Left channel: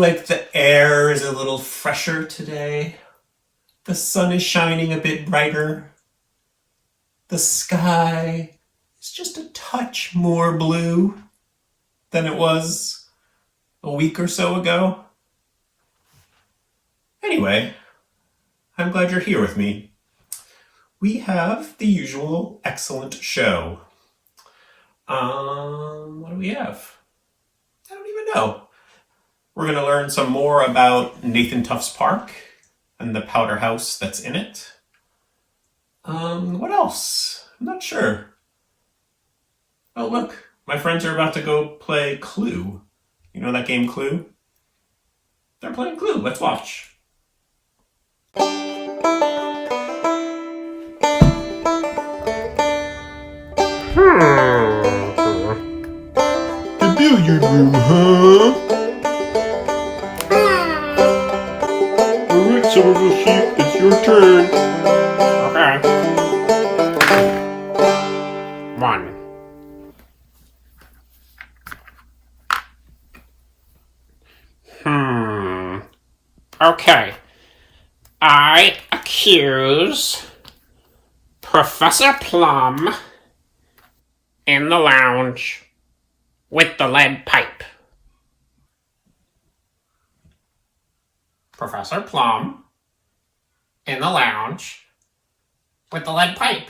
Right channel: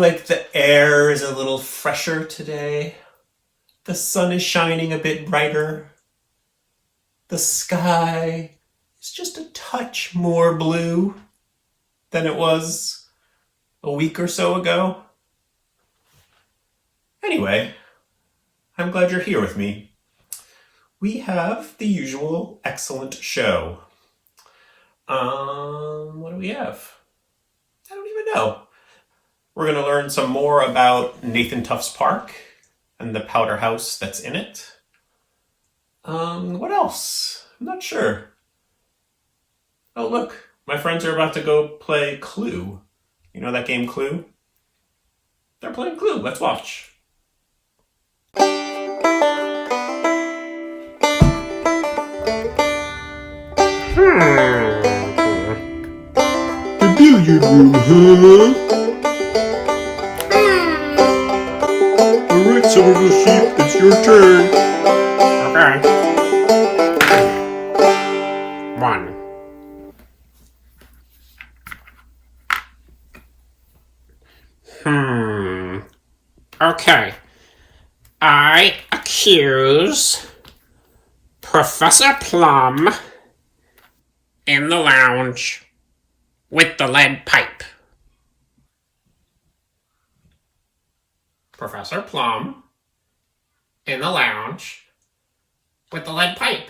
feel like the air is a little fresher today. The sun is shining a bit brighter. The sky is just a touch more blue than it was a week or so ago. Anyway, I'm glad you're here with me. We have the usual excellent show. What do we have? I don't even know. We're going to learn some more about Nathan Tuff's park and the Powderhouse that's in it. What else? I'm not sure. Oh, look. My friends are about to go play Clue. You know that game Clue? They're playing Clue. Let's watch. The billiard room, huh? Alright, Somerville Sheep, it's your turn. Okay. 1. Okay. I accuse Professor Plum in the lounge with the lead pipe. Professor Plum in the lounge with the lead pipe.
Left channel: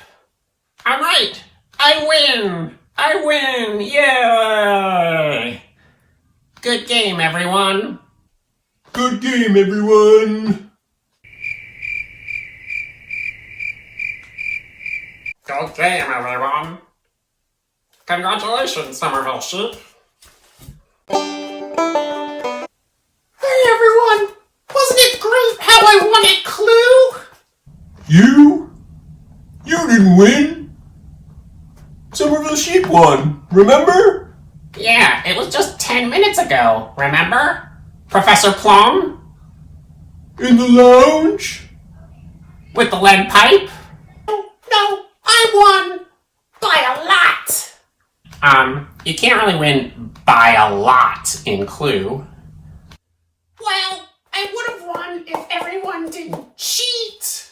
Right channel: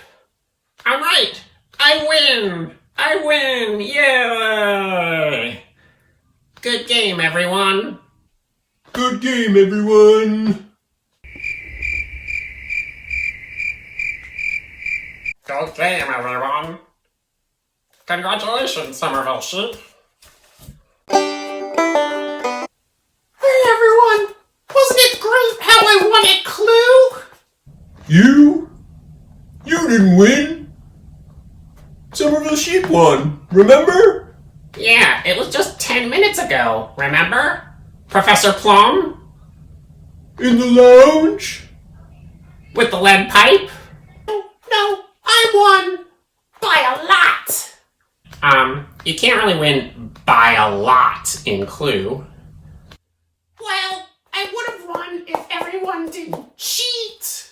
I'm right. I win. I win. Yay. Good game, everyone. Good game, everyone. Good game, everyone. Congratulations, Somerville Sheep. Hey, everyone. Wasn't it great how I won at Clue? You? You didn't win. Somerville Sheep won, remember? Yeah, it was just 10 minutes ago, remember? Professor Plum? In the lounge? With the lead pipe? No, I won! By a lot! You can't really win by a lot in Clue. Well, I would have won if everyone didn't cheat.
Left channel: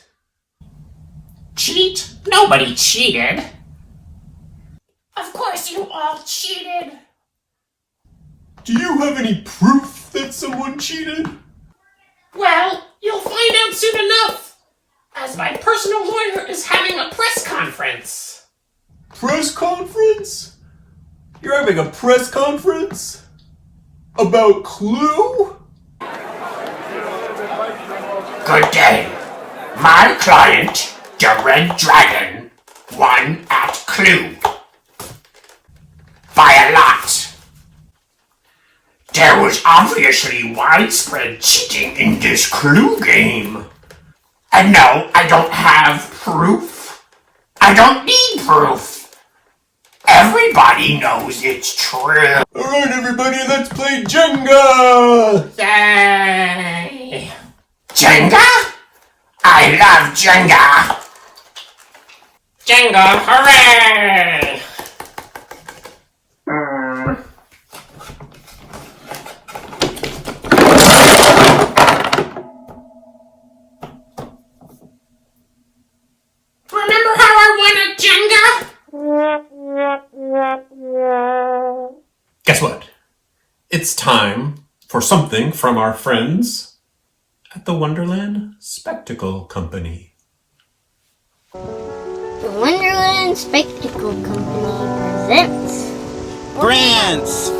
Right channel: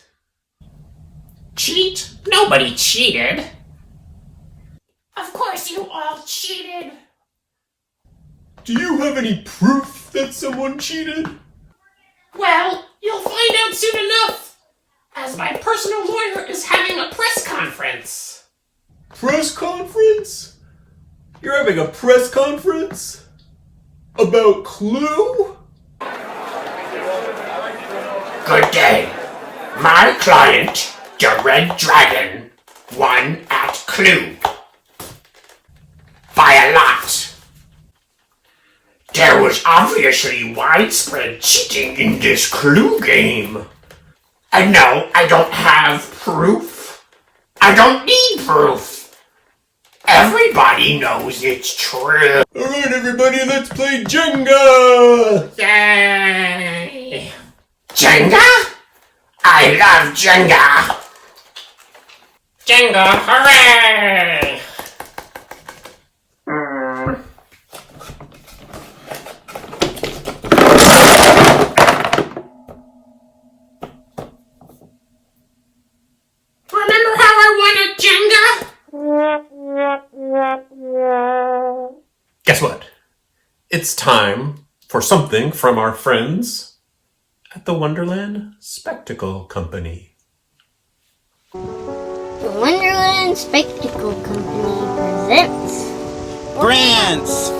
Cheat? Nobody cheated. Of course you all cheated. Do you have any proof that someone cheated? Well, you'll find out soon enough, as my personal lawyer is having a press conference. Press conference? You're having a press conference? About Clue? Good day. My client, the Red Dragon, won at Clue. By a lot. There was obviously widespread cheating in this Clue game. And no, I don't have proof. I don't need proof. Everybody knows it's true. Alright, everybody, let's play Jenga! Yay! Jenga? I love Jenga! Jenga, hooray! Remember how I won at Jenga? Guess what? It's time for something from our friends at the Wonderland Spectacle Company. The Wonderland Spectacle Company presents Grants!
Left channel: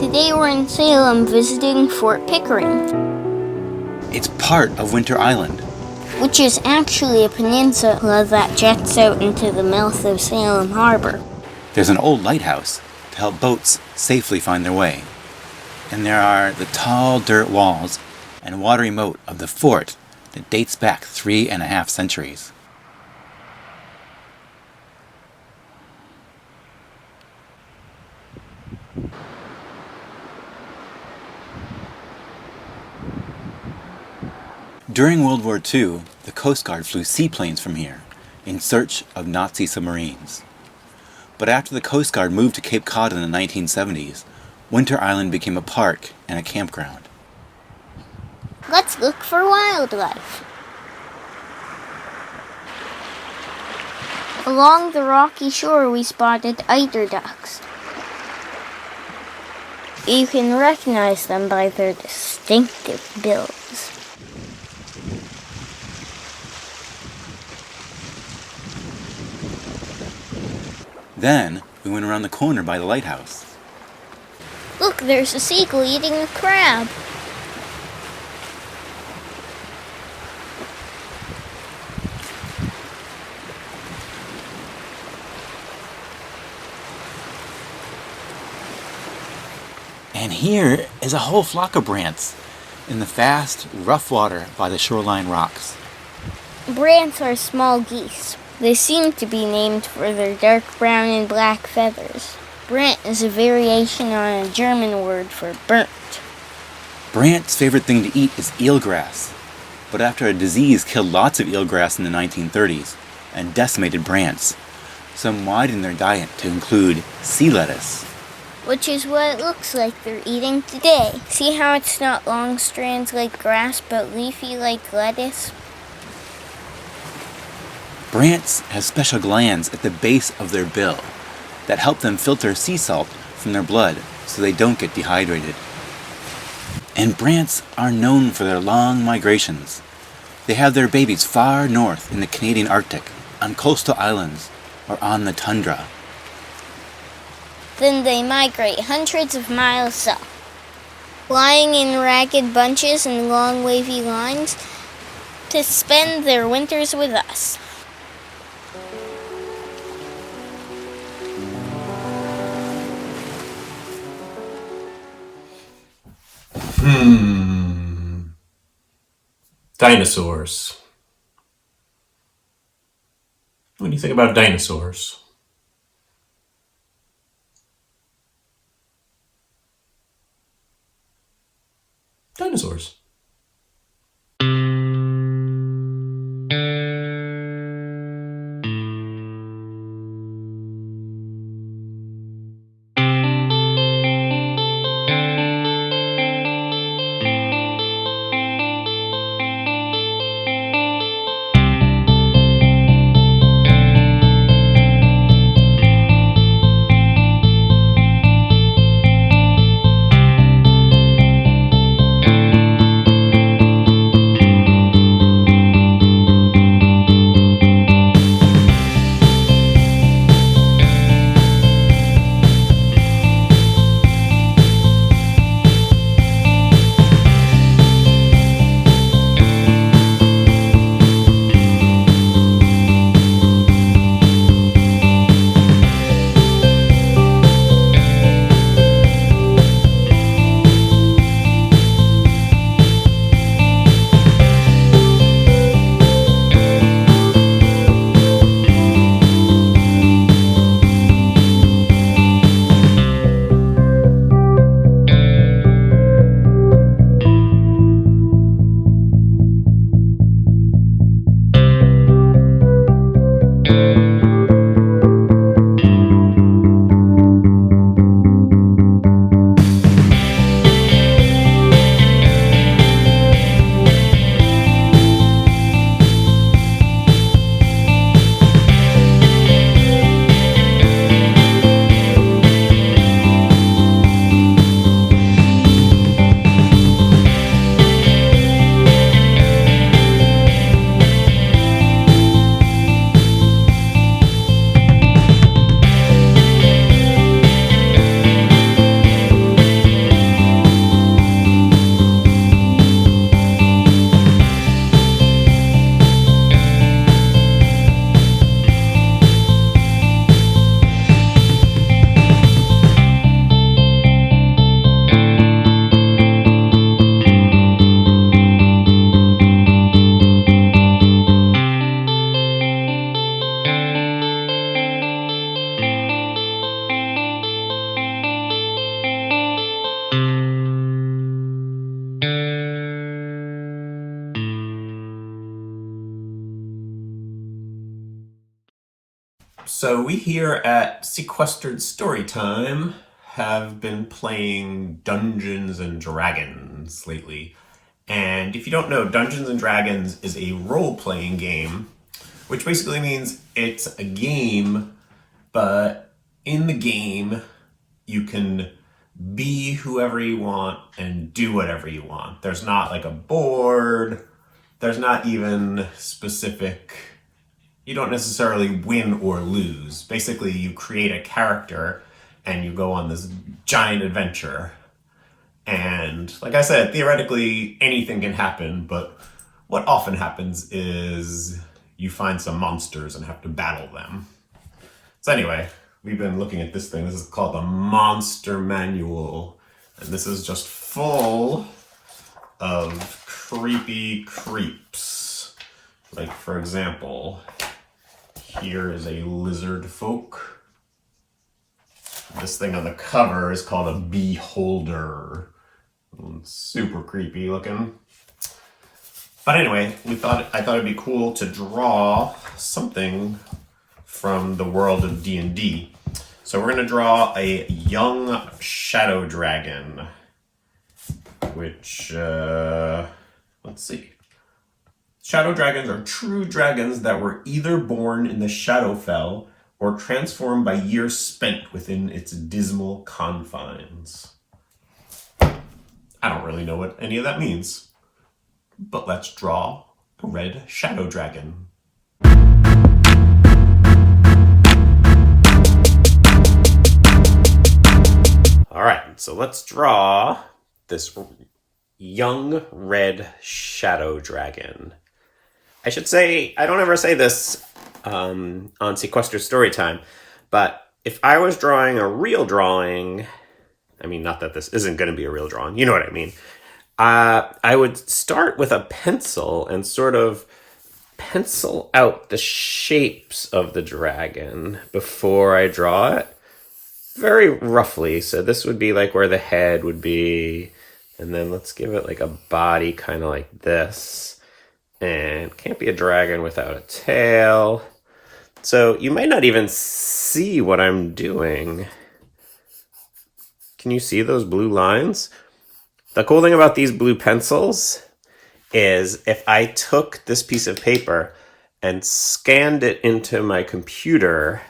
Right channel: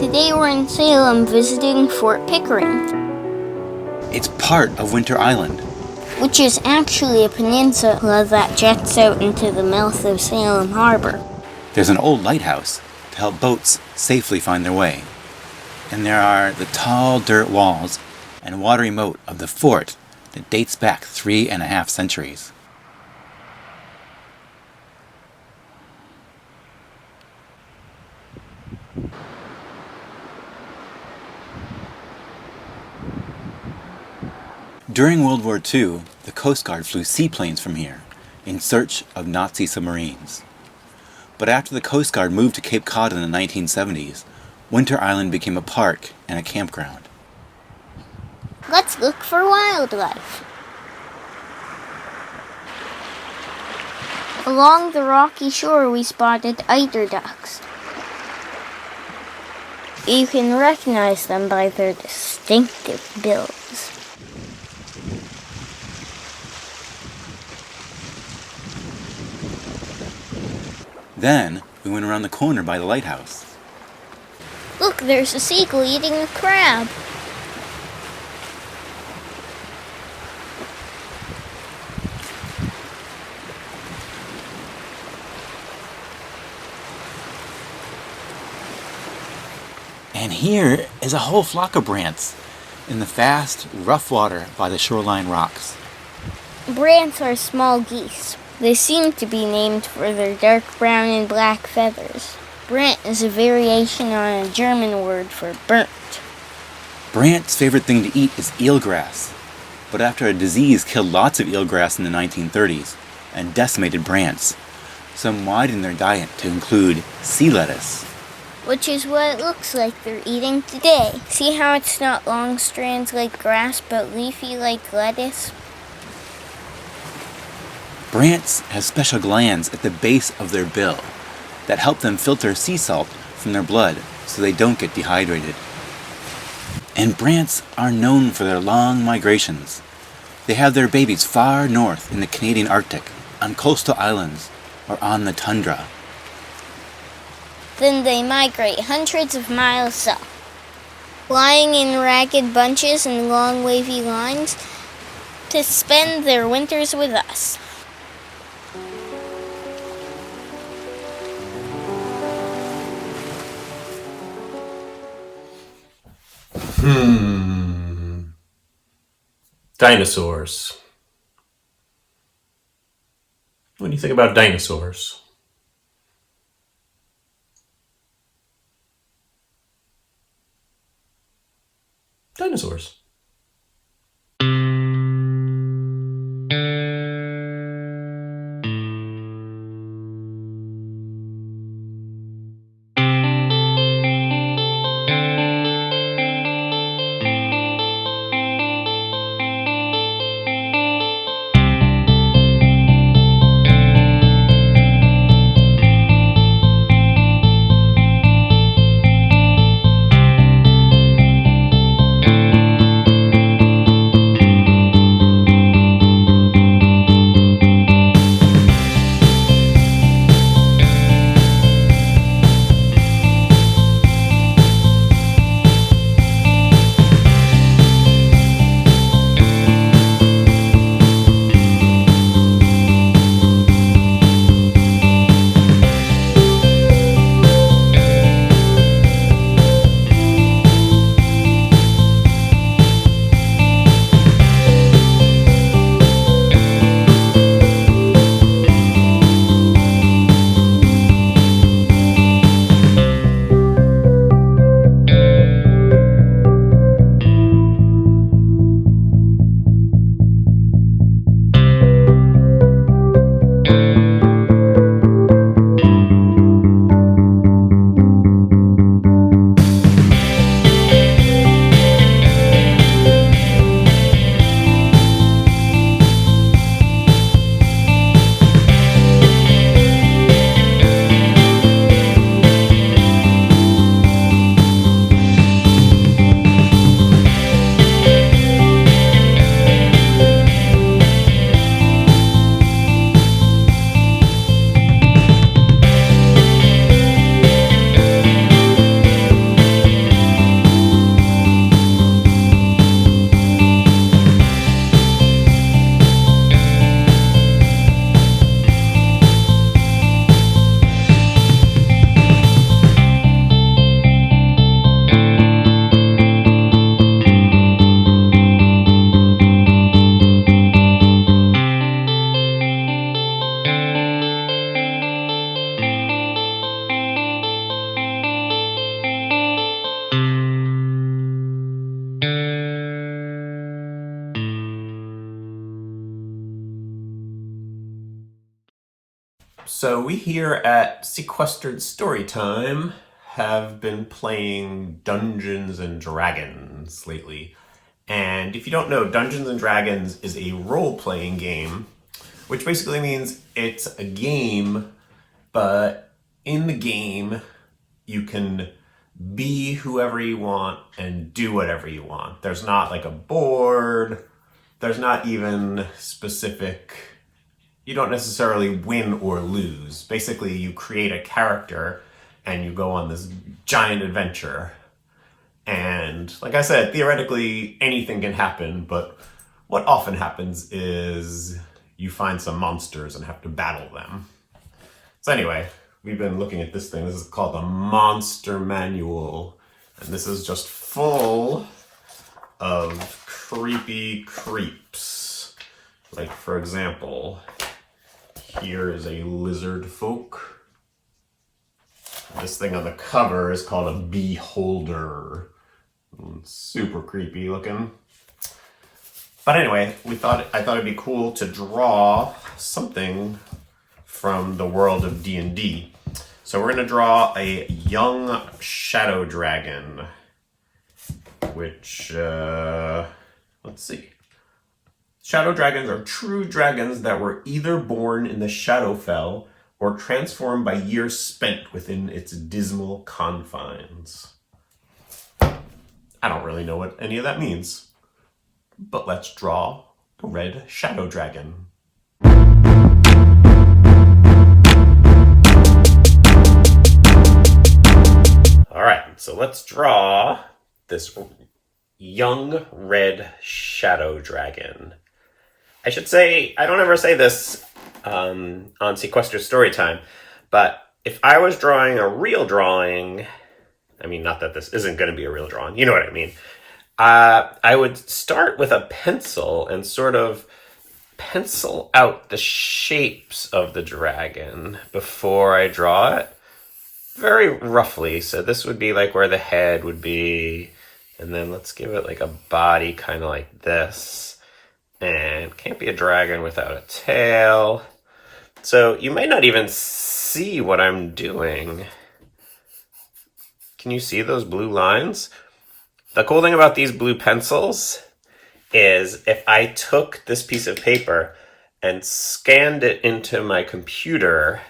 Today we're in Salem visiting Fort Pickering, It's part of Winter Island. which is actually a peninsula that jets out into the mouth of Salem Harbor. There's an old lighthouse to help boats safely find their way. And there are the tall dirt walls and watery moat of the fort that dates back 3.5 centuries. During World War II, the Coast Guard flew seaplanes from here in search of Nazi submarines. But after the Coast Guard moved to Cape Cod in the 1970s, Winter Island became a park and a campground. Let's look for wildlife. Along the rocky shore, we spotted eider ducks. You can recognize them by their distinctive bills. Then we went around the corner by the lighthouse. Look, there's a seagull eating a crab. And here is a whole flock of brants in the fast, rough water by the shoreline rocks. Brants are small geese. They seem to be named for their dark brown and black feathers. Brant is a variation on a German word for burnt. Brant's favorite thing to eat is eelgrass, but after a disease killed lots of eelgrass in the 1930s and decimated brants, some widened their diet to include sea lettuce. Which is what it looks like they're eating today. See how it's not long strands like grass, but leafy like lettuce? Brants have special glands at the base of their bill that help them filter sea salt from their blood so they don't get dehydrated. And brants are known for their long migrations. They have their babies far north in the Canadian Arctic, on coastal islands, or on the tundra. Then they migrate hundreds of miles south, flying in ragged bunches and long wavy lines to spend their winters with us. Dinosaurs. What do you think about dinosaurs? Dinosaurs. So we here at Sequestered Storytime have been playing Dungeons and Dragons lately. And if you don't know, Dungeons and Dragons is a role-playing game, which basically means it's a game, but in the game, you can be whoever you want and do whatever you want. There's not like a board. There's not even specific... You don't necessarily win or lose. Basically, you create a character and you go on this giant adventure. And like I said, theoretically, anything can happen, but what often happens is you find some monsters and have to battle them. So anyway, we've been looking at this thing. This is called the Monster Manual. And this is just full of creepy creeps. Like, for example, here is a lizard folk. This thing on the cover is called a beholder. Super creepy looking. But anyway, I thought it'd be cool to draw something from the world of D&D. So we're gonna draw a young shadow dragon, which, let's see. Shadow dragons are true dragons that were either born in the Shadowfell or transformed by years spent within its dismal confines. I don't really know what any of that means, but let's draw a red shadow dragon. All right, so let's draw this young red shadow dragon. I should say, I don't ever say this on Sequestered Storytime, but if I was drawing a real drawing, I mean, not that this isn't going to be a real drawing, you know what I mean. I would start with a pencil and sort of pencil out the shapes of the dragon before I draw it, very roughly. So this would be like where the head would be, and then let's give it like a body kind of like this. And can't be a dragon without a tail. So you might not even see what I'm doing. Can you see those blue lines? The cool thing about these blue pencils is if I took this piece of paper and scanned it into my computer,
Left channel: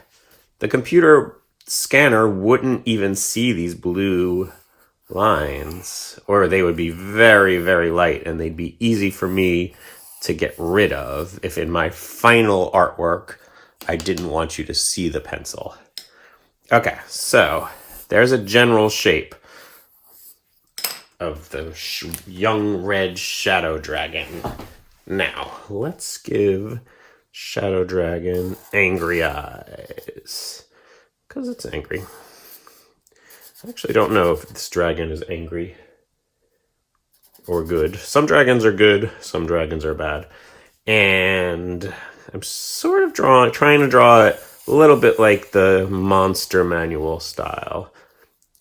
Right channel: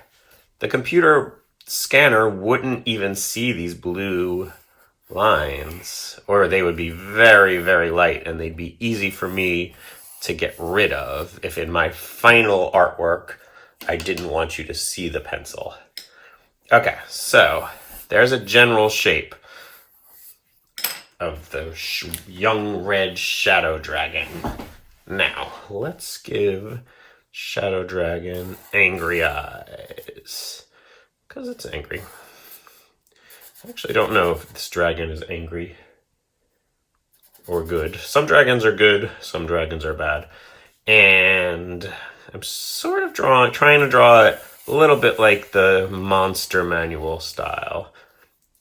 the computer scanner wouldn't even see these blue lines, or they would be very, very light and they'd be easy for me to get rid of if in my final artwork I didn't want you to see the pencil. Okay, so there's a general shape of the young red shadow dragon. Now, let's give shadow dragon angry eyes, because it's angry. I actually don't know if this dragon is angry or good. Some dragons are good, some dragons are bad. And I'm sort of trying to draw it a little bit like the Monster Manual style.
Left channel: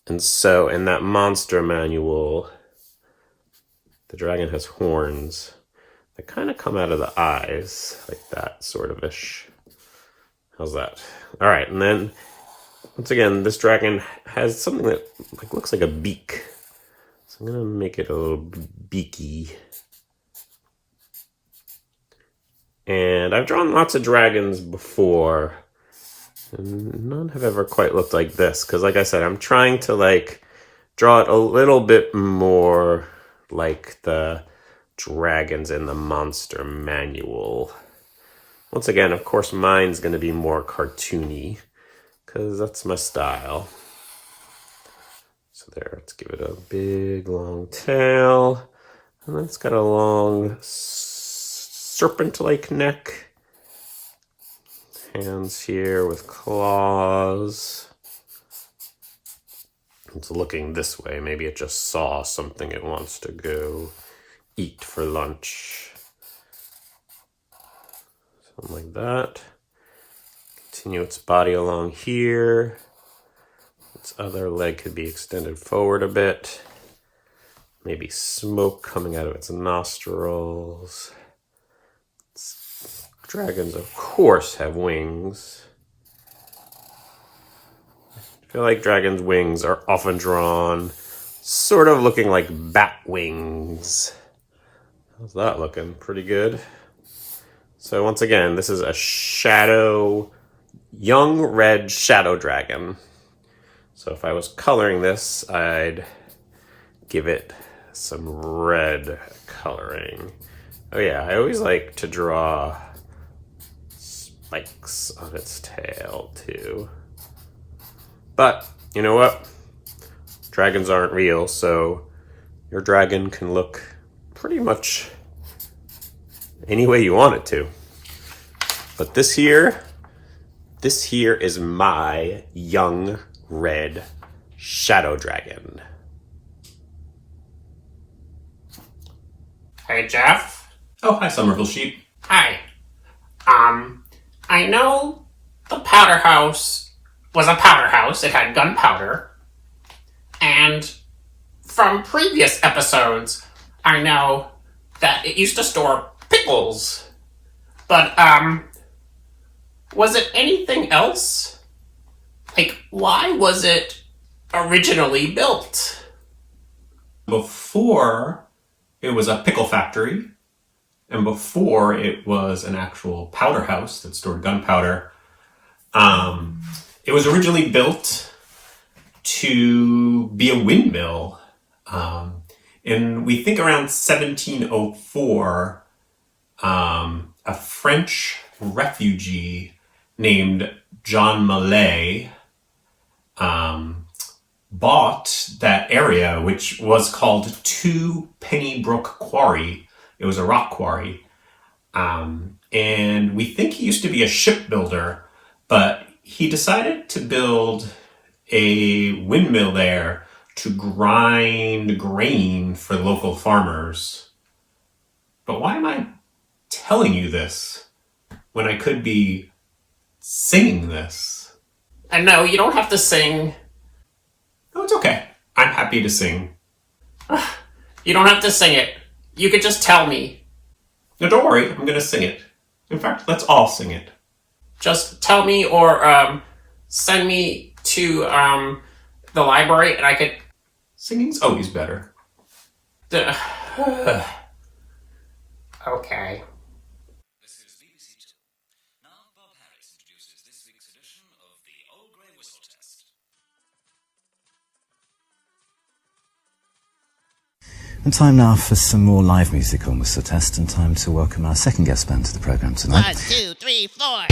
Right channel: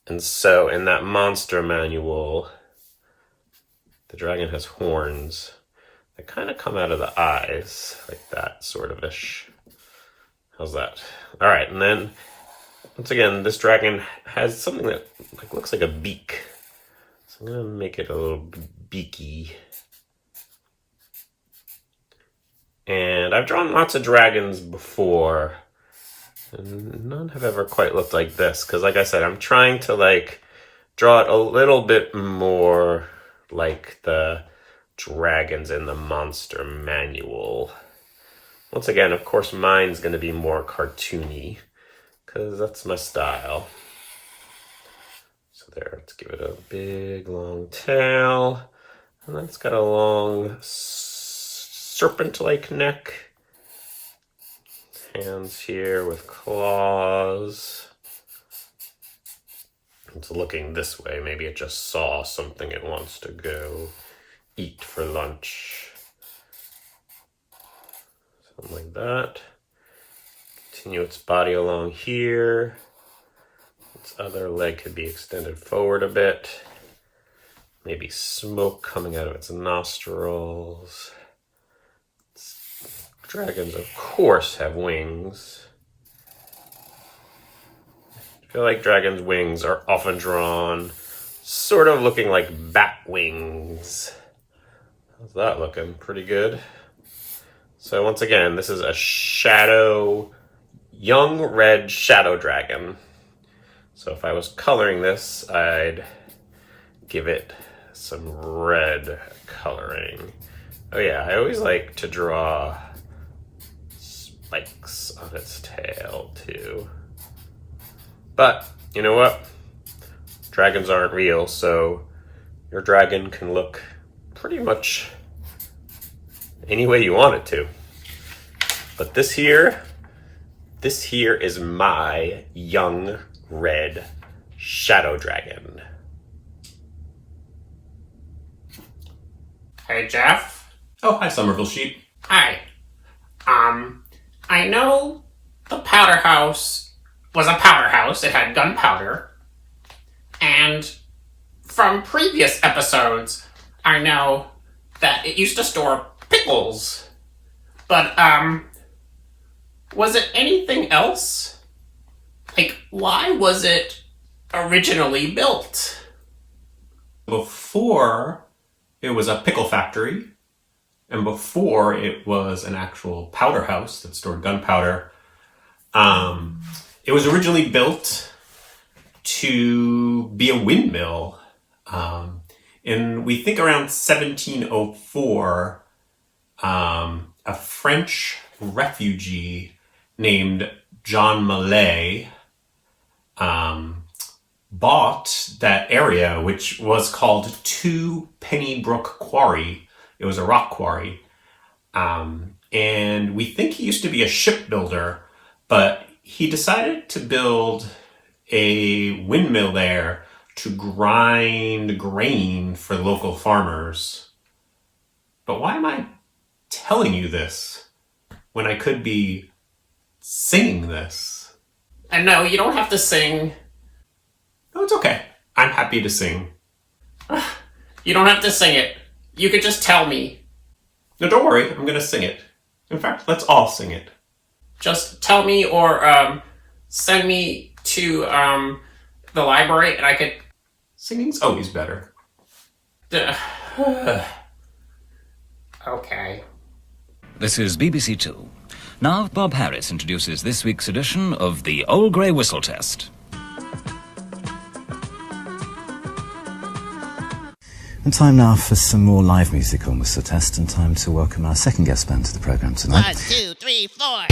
And so in that Monster Manual, the dragon has horns that kind of come out of the eyes, like that sort of ish. How's that? All right, and then once again, this dragon has something that looks like a beak. So I'm gonna make it a little beaky. And I've drawn lots of dragons before, and none have ever quite looked like this. Because like I said, I'm trying to like draw it a little bit more like the dragons in the Monster Manual. Once again, of course, mine's gonna be more cartoony, because that's my style. So there, let's give it a big long tail. And then it's got a long serpent-like neck. Hands here with claws. It's looking this way. Maybe it just saw something it wants to go eat for lunch. Something like that. Continue its body along here. Its other leg could be extended forward a bit. Maybe smoke coming out of its nostrils. Dragons, of course, have wings. feel like dragons' wings are often drawn sort of looking like bat wings. How's that looking? Pretty good. So once again, this is a young red shadow dragon. So if I was coloring this, I'd give it some red coloring. Oh yeah, I always like to draw spikes on its tail too. But you know what? Dragons aren't real, so your dragon can look pretty much any way you want it to. But this here is my young red shadow dragon. Hey, Jeff. Oh, hi, Somerville Sheep. Hi. I know the powder house was a powder house. It had gunpowder. And from previous episodes, I know that it used to store pickles. But, was it anything else? Like, why was it originally built? Before, it was a pickle factory. And before it was an actual powder house that stored gunpowder. It was originally built to be a windmill. And we think around 1704, a French refugee named John Mallet bought that area, which was called Two Penny Brook Quarry. It was a rock quarry. And we think he used to be a shipbuilder, but he decided to build a windmill there to grind grain for local farmers. But why am I telling you this when I could be singing this? And no, you don't have to sing. No, it's okay. I'm happy to sing. You don't have to sing it. You could just tell me. No, don't worry. I'm going to sing it. In fact, let's all sing it. Just tell me or send me to the library and I could... Singing's always better. Okay. This is BBC2. Now Bob Harris introduces this week's edition of the Old Grey Whistle Test. And time now for some more live music on Whistle Test, and time to welcome our second guest band to the programme tonight. 1, 2, 3, 4.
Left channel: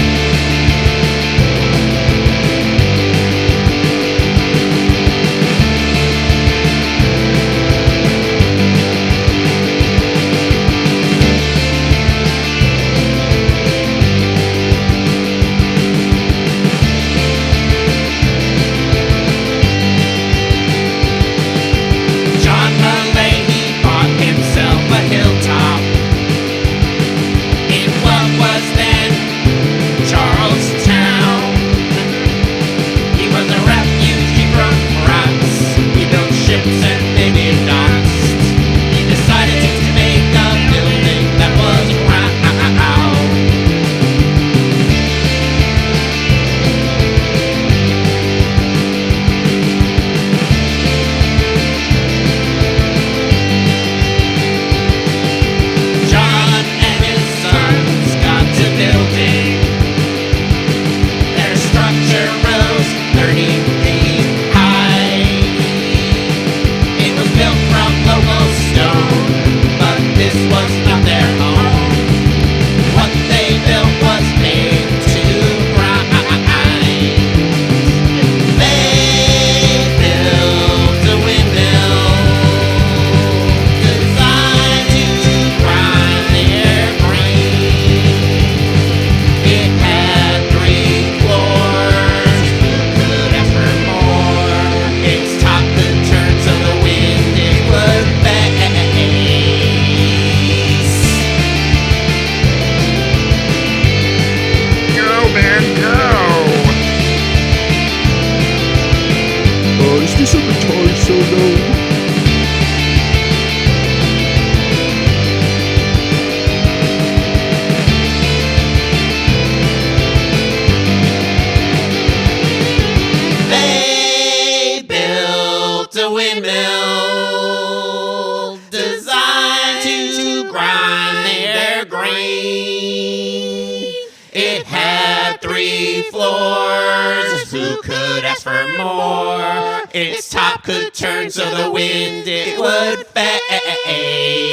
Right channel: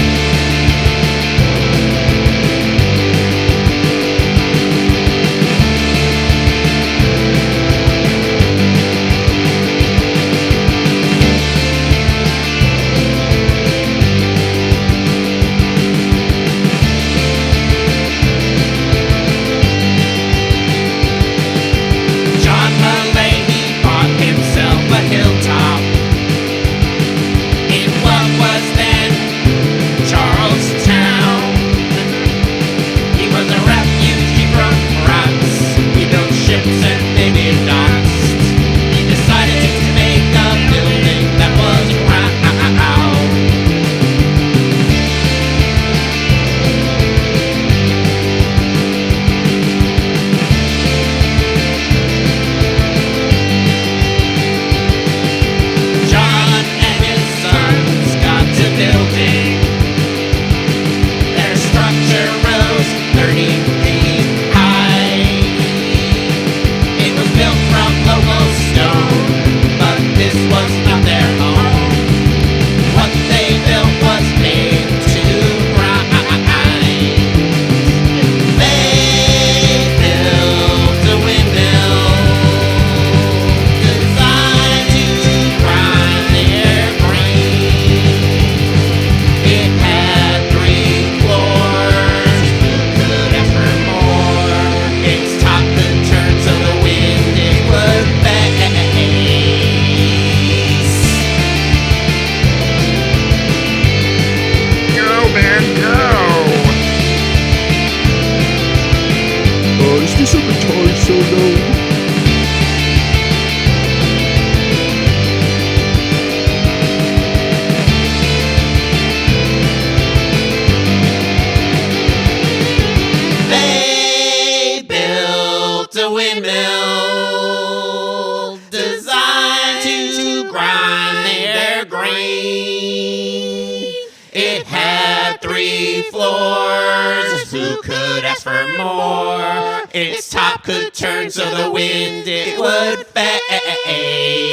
floors. Who could ask for more? Its top could turn so the wind it would face.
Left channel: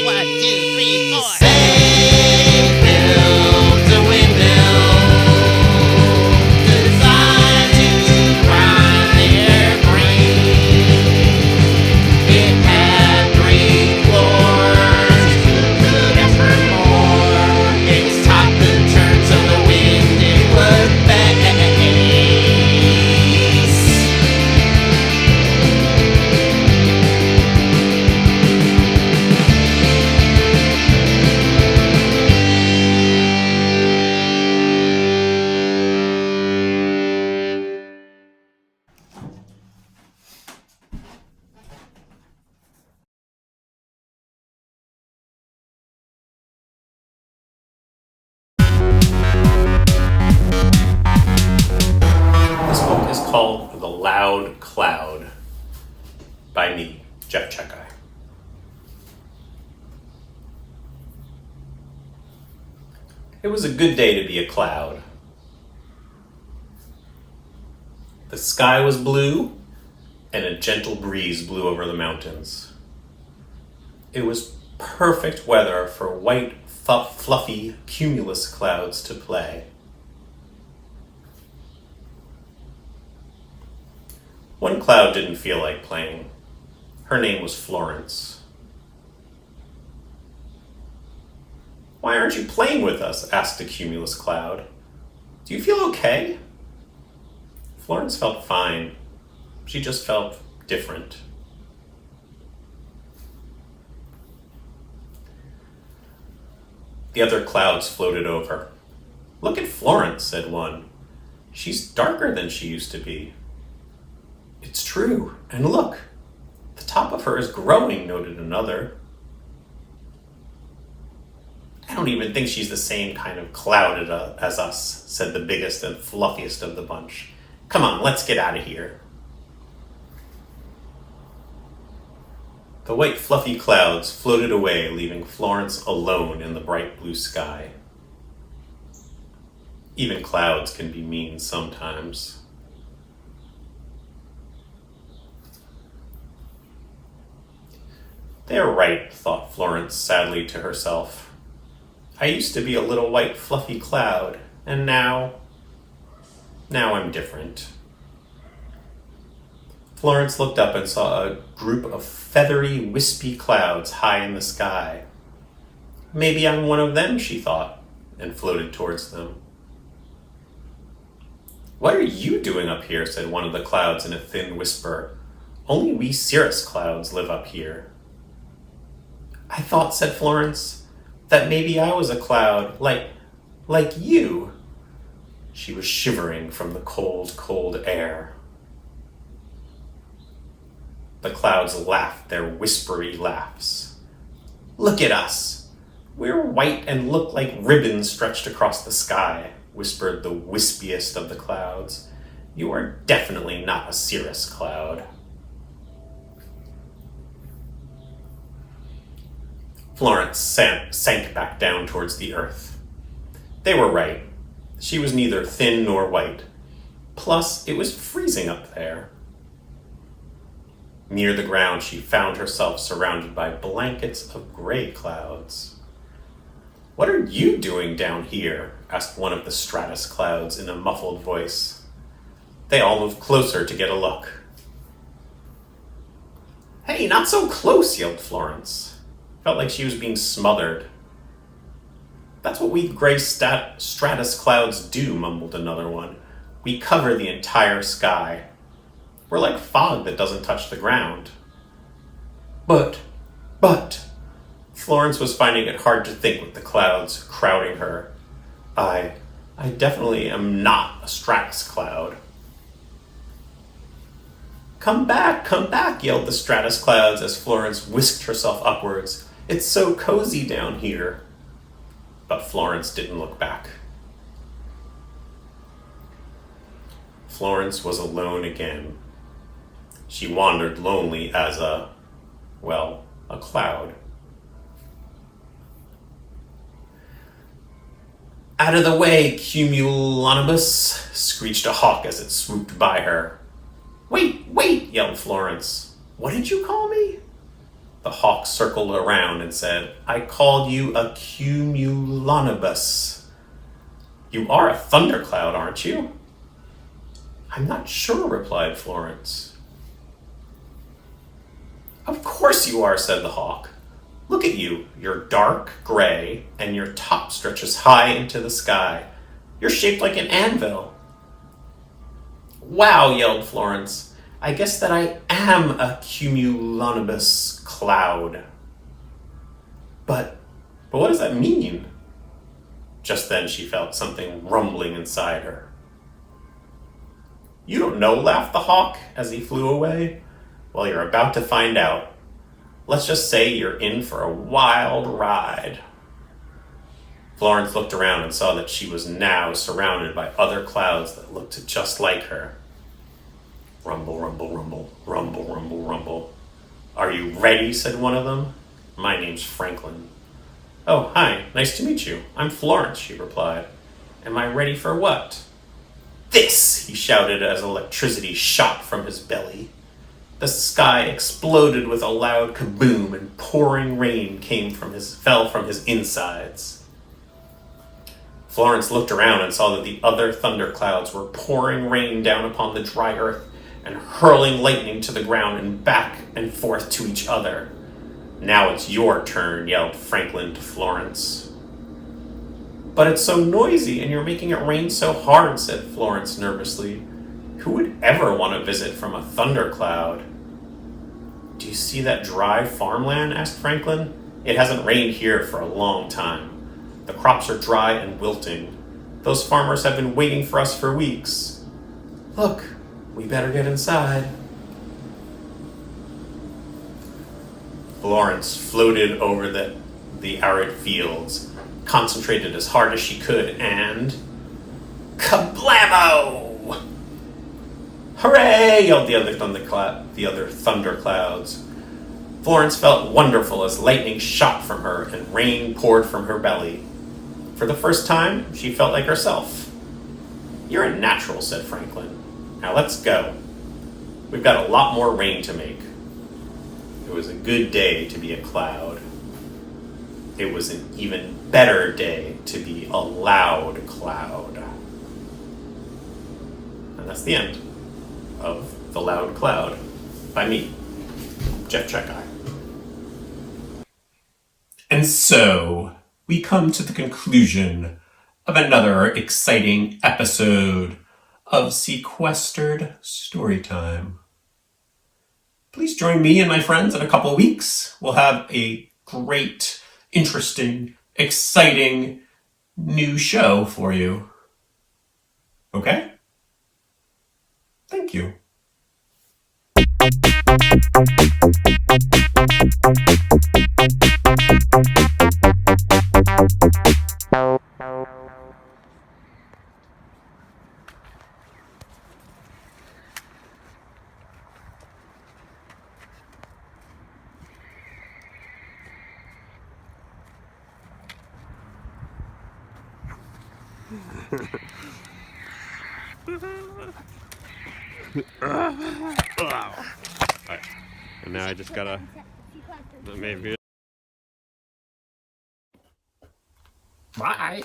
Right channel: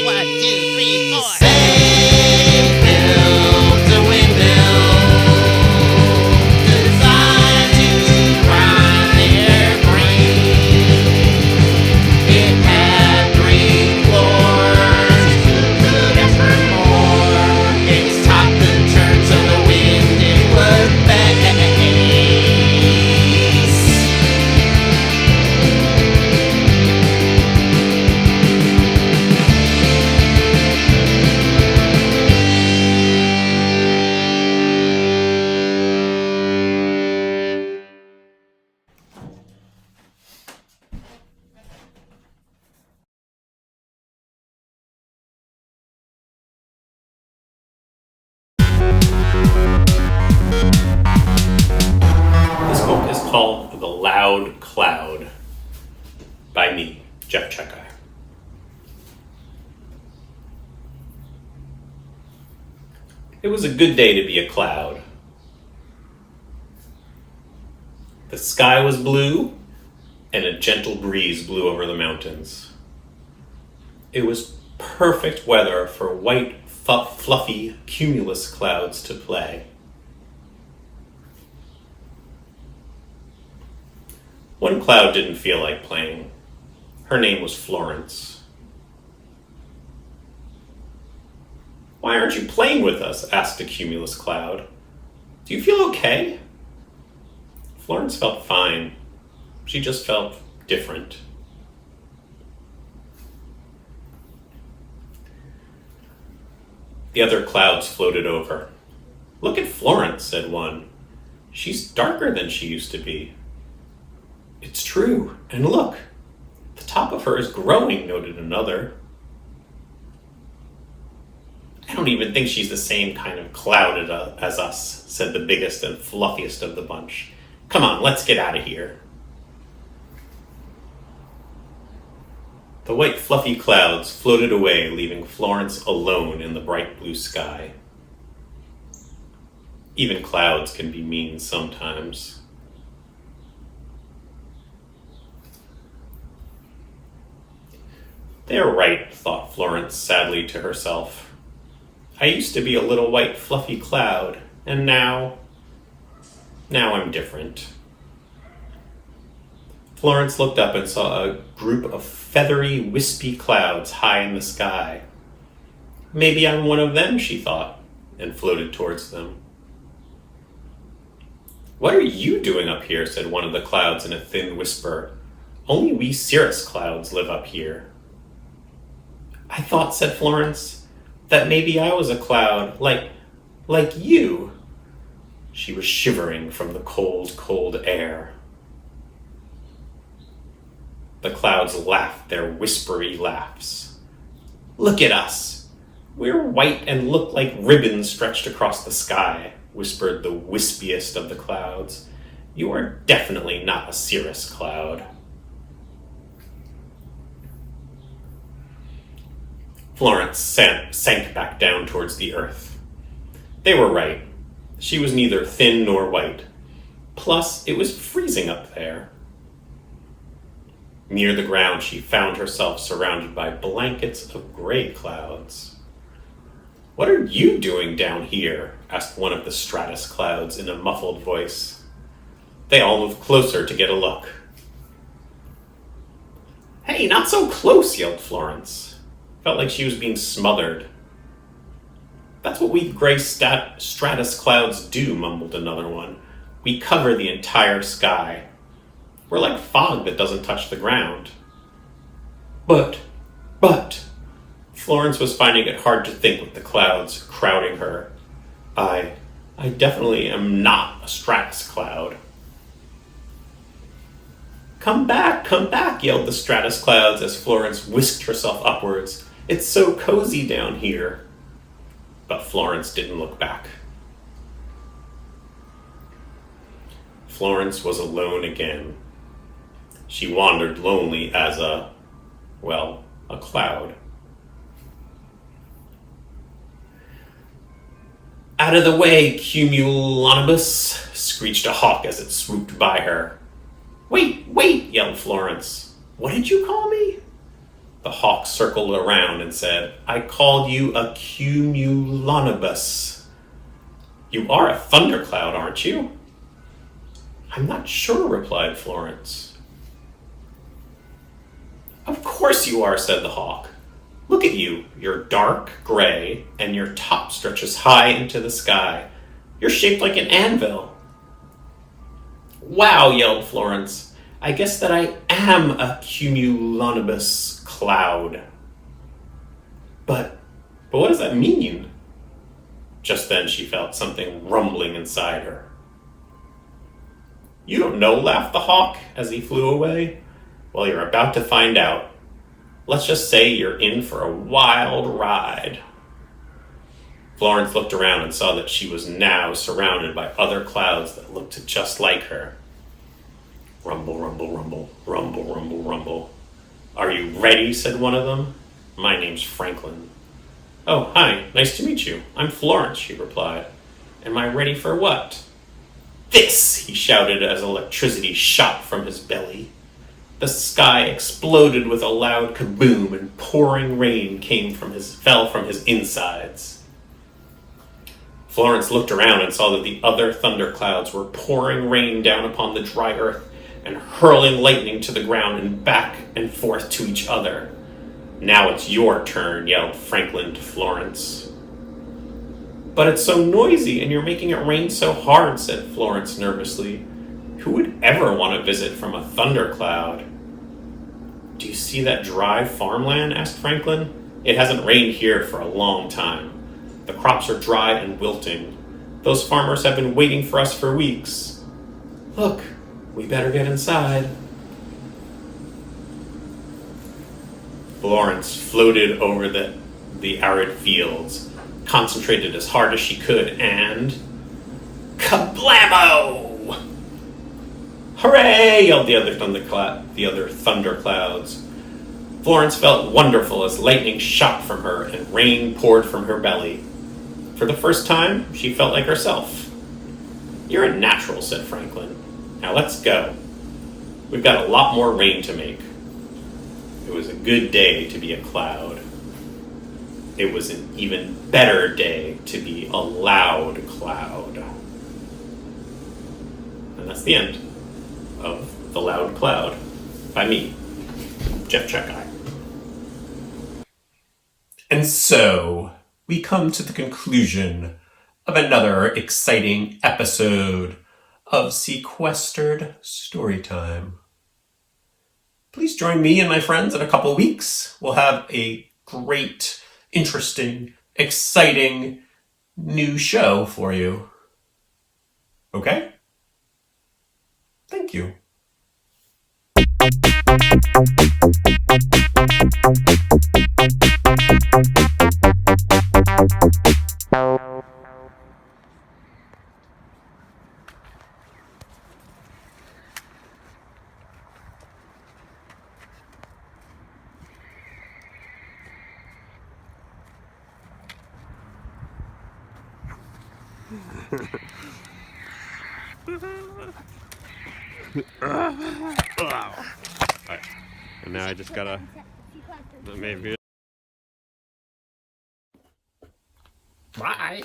1, 2, 3, 4. They built a windmill designed to grind their brain. It had 3 floors. Who could ask for more? Its top could turn so the wind it would face. This book is called The Loud Cloud by me, Jef Czekaj. It was a good day to be a cloud. The sky was blue, and a gentle breeze blew over the mountains. It was perfect weather for white, fluffy cumulus clouds to play. One cloud didn't feel like playing. Her name was Florence. "Why aren't you playing with us?" asked the cumulus cloud. "Do you feel okay?" Florence felt fine. She just felt different. The other clouds floated over. "Look at Florence," said one. "She's darker than she used to be." "It's true, and look, the top of her is growing," noted another. "I don't even think she's the same kind of cloud as us," said the biggest and fluffiest of the bunch. "Come on, let's get out of here." The white fluffy clouds floated away, leaving Florence alone in the bright blue sky. Even clouds can be mean sometimes. "They're right," thought Florence sadly to herself. "I used to be a little white fluffy cloud, and now I'm different." Florence looked up and saw a group of feathery, wispy clouds high in the sky. "Maybe I'm one of them," she thought, and floated towards them. "What are you doing up here?" said one of the clouds in a thin whisper. "Only we cirrus clouds live up here." "I thought," said Florence, "that maybe I was a cloud, like you." She was shivering from the cold, cold air. The clouds laughed their whispery laughs. "Look at us. We're white and look like ribbons stretched across the sky," whispered the wispiest of the clouds. "You are definitely not a cirrus cloud." Florence sank back down towards the earth. They were right. She was neither thin nor white. Plus, it was freezing up there. Near the ground, she found herself surrounded by blankets of gray clouds. "What are you doing down here?" asked one of the stratus clouds in a muffled voice. They all moved closer to get a look. "Hey, not so close," yelled Florence. Felt like she was being smothered. "That's what we gray stratus clouds do," mumbled another one. "We cover the entire sky. We're like fog that doesn't touch the ground." But, Florence was finding it hard to think with the clouds crowding her. I definitely am not a stratus cloud." Come back," yelled the stratus clouds as Florence whisked herself upwards. "It's so cozy down here." But Florence didn't look back. Florence was alone again. She wandered lonely as a cloud. Out of the way, cumulonimbus, screeched a hawk as it swooped by her. Wait, yelled Florence. What did you call me? The hawk circled around and said, I called you a cumulonimbus. You are a thundercloud, aren't you? I'm not sure, replied Florence. Of course you are, said the hawk. Look at you. You're dark gray, and your top stretches high into the sky. You're shaped like an anvil. Wow, yelled Florence. I guess that I am a cumulonimbus cloud. But what does that mean? Just then she felt something rumbling inside her. You don't know, laughed the hawk as he flew away. Well, you're about to find out. Let's just say you're in for a wild ride. Florence looked around and saw that she was now surrounded by other clouds that looked just like her. Rumble, rumble, rumble, rumble, rumble, rumble. Are you ready? Said one of them. My name's Franklin. Oh, hi, nice to meet you. I'm Florence, she replied. Am I ready for what? This, he shouted as electricity shot from his belly. The sky exploded with a loud kaboom and pouring rain fell from his insides. Florence looked around and saw that the other thunderclouds were pouring rain down upon the dry earth and hurling lightning to the ground and back and forth to each other. Now it's your turn, yelled Franklin to Florence. But it's so noisy and you're making it rain so hard, said Florence nervously. Who would ever want to visit from a thundercloud? Do you see that dry farmland? Asked Franklin. It hasn't rained here for a long time. The crops are dry and wilting. Those farmers have been waiting for us for weeks. Look, we better get inside. Florence floated over the arid fields, concentrated as hard as she could, and kablamo! Hooray! Yelled the other thunderclouds. Florence felt wonderful as lightning shot from her and rain poured from her belly. For the first time, she felt like herself. You're a natural, said Franklin. Now let's go. We've got a lot more rain to make. It was a good day to be a cloud. It was an even better day to be a loud cloud. And that's the end of The Loud Cloud by me, Jef Czekaj. And so we come to the conclusion of another exciting episode of Sequestered Storytime. Please join me and my friends in a couple of weeks. We'll have a great, interesting, exciting new show for you. Okay? Thank you. And now I just gotta maybe. Bye.